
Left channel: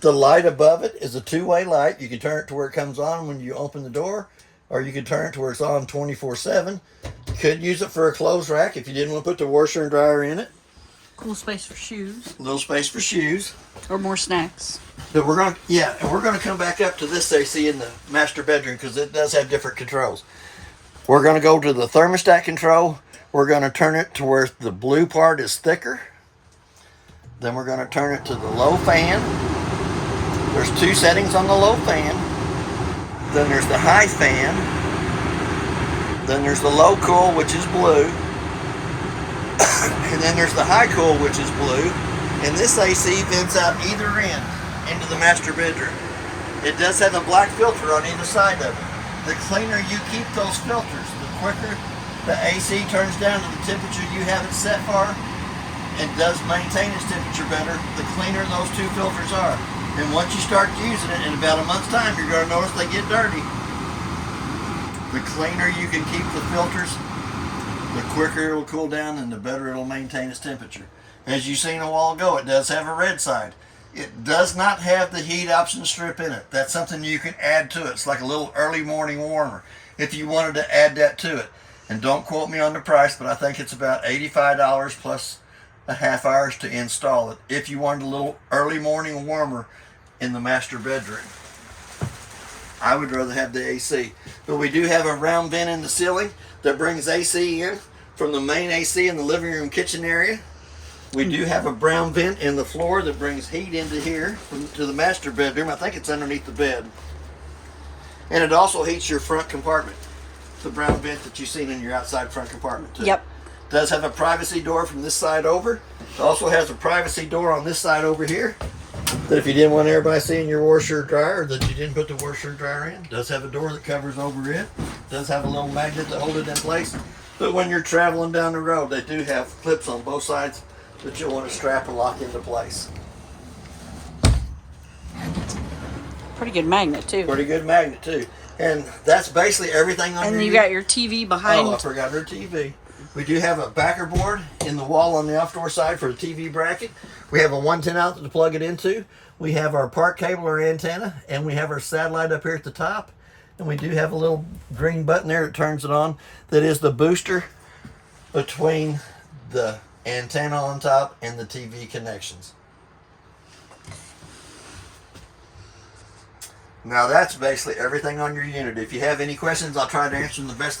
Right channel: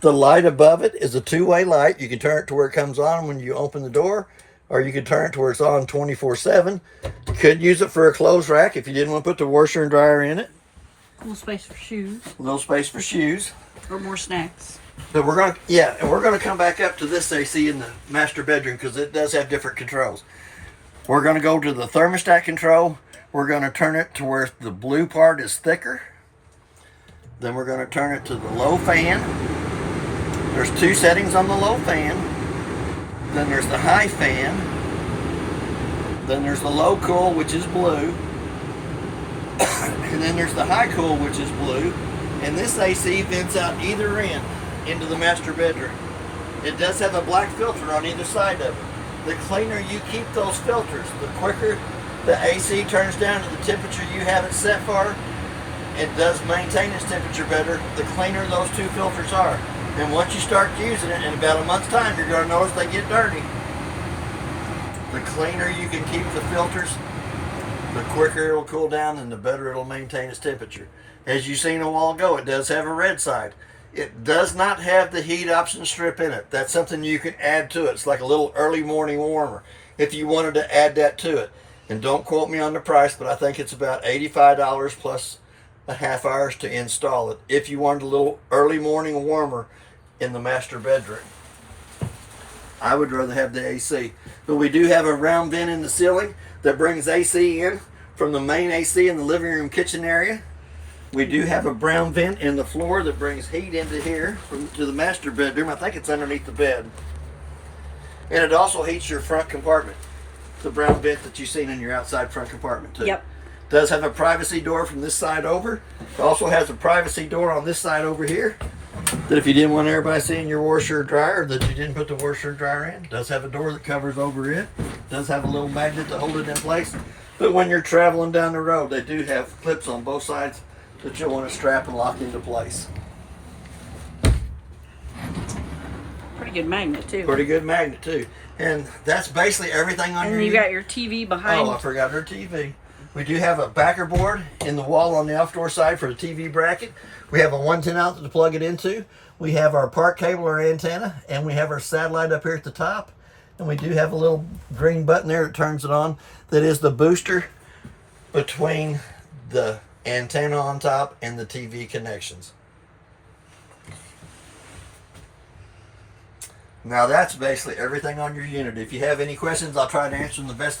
The light above it is a two-way light. You can turn it to where it comes on when you open the door, or you can turn it to where it's on 24/7. You could use it for a clothes rack if you didn't want to put the washer and dryer in it. Cool space for shoes. A little space for shoes. Or more snacks. But we're going to, yeah, and we're going to come back up to this AC in the master bedroom because it does have different controls. We're going to go to the thermostat control. We're going to turn it to where the blue part is thicker. Then we're going to turn it to the low fan. There's two settings on the low fan. Then there's the high fan. Then there's the low cool, which is blue. And then there's the high cool, which is blue. And this AC vents out either end into the master bedroom. It does have a black filter on either side of it. The cleaner you keep those filters, the quicker the AC turns down to the temperature you have it set for. It does maintain its temperature better, the cleaner those two filters are. And once you start using it, in about a month's time, you're going to notice they get dirty. The cleaner you can keep the filters, the quicker it'll cool down and the better it'll maintain its temperature. As you seen a while ago, it does have a red side. It does not have the heat option strip in it. That's something you can add to it. It's like a little early morning warmer if you wanted to add that to it. And don't quote me on the price, but I think it's about $85 plus a half hours to install it if you wanted a little early morning warmer in the master bedroom. I would rather have the AC. But we do have a round vent in the ceiling that brings AC in from the main AC in the living room kitchen area. We do have a brown vent in the floor that brings heat into here to the master bedroom. I think it's underneath the bed. And it also heats your front compartment. The brown vent that you've seen in your outside front compartment too. Yep. Does have a privacy door from this side over. It also has a privacy door on this side over here. That if you didn't want everybody seeing your washer or dryer, that you didn't put the washer and dryer in. Does have a door that covers over it. Does have a little magnet to hold it in place. But when you're traveling down the road, they do have clips on both sides that you'll want to strap and lock into place. Pretty good magnet too. Pretty good magnet too. And that's basically everything on And your you got your TV behind. Oh, I forgot her TV. We do have a backer board in the wall on the outdoor side for the TV bracket. We have a 110 outlet to plug it into. We have our park cable or antenna, and we have our satellite up here at the top. And we do have a little green button there that turns it on. That is the booster between the antenna on top and the TV connections. Now that's basically everything on your unit. If you have any questions, I'll try to answer them the best that I can.